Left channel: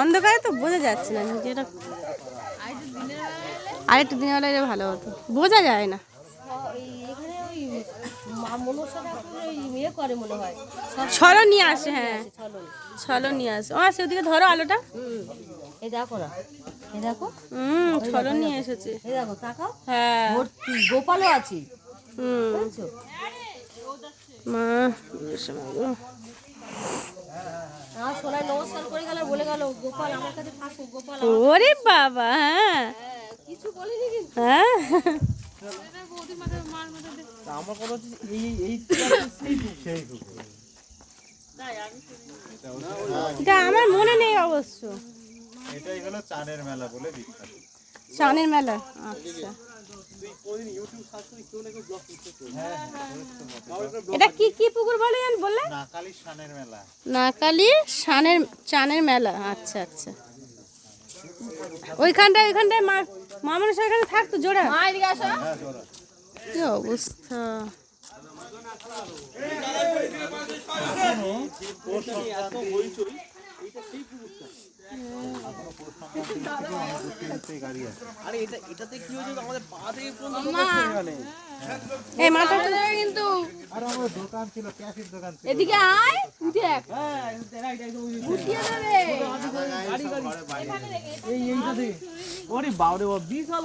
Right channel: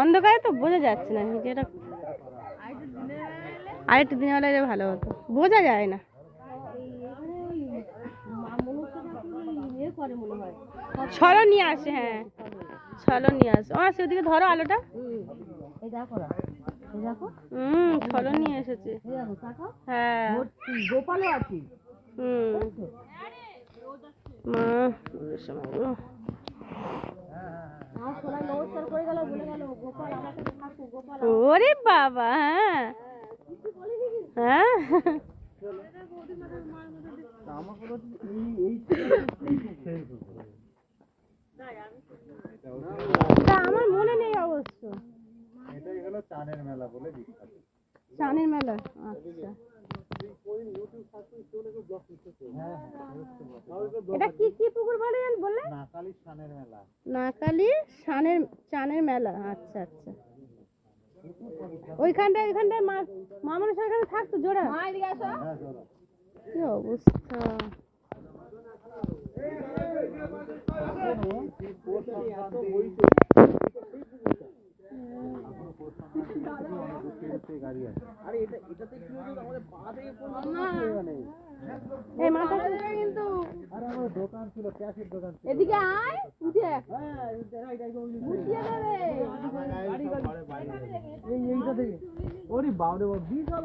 অন্ধকারে তো বোঝা যাচ্ছে না যেটা, আর একটু দিনের বেলা ভালো হতো, বোঝা যায় না। ছলো নিয়ে আসে, হ্যাঁ ছলো নিয়ে আসে। ও আসে ওদিকে, ধরো আলোটা। এই দেখো না, এই দেখো, ছলো নিয়ে এসেছে। এই দেখো তাকাও, হ্যাঁ গোপালও আছে। নমস্কার করে গেল, বলে গেল গোপাল আমার কাছে থাকুক, গোপাল। ওরে বাবা, হ্যাঁ কিছু বলিনি কিন্তু। হ্যাঁ আমার মনে নেই অবশ্য। এটাই হলো চানের মেলা বলে বিখ্যাত। চানের মেলা, আচ্ছা। এটা কি কি পুকুর বলে বললে? নাকালি শানের মেলা। নাকালি চানের মেলা, আচ্ছা আচ্ছা। ওইখানটায় মা মানুষ ওইখানে থাকতো জোড়া। কি অবস্থা! এই মাথা কিন্তু দোকান ছিল, ক্যাফের দোকান ছিল। এদিকে আয়, দেখ ওরে বাবা রে, বিশাল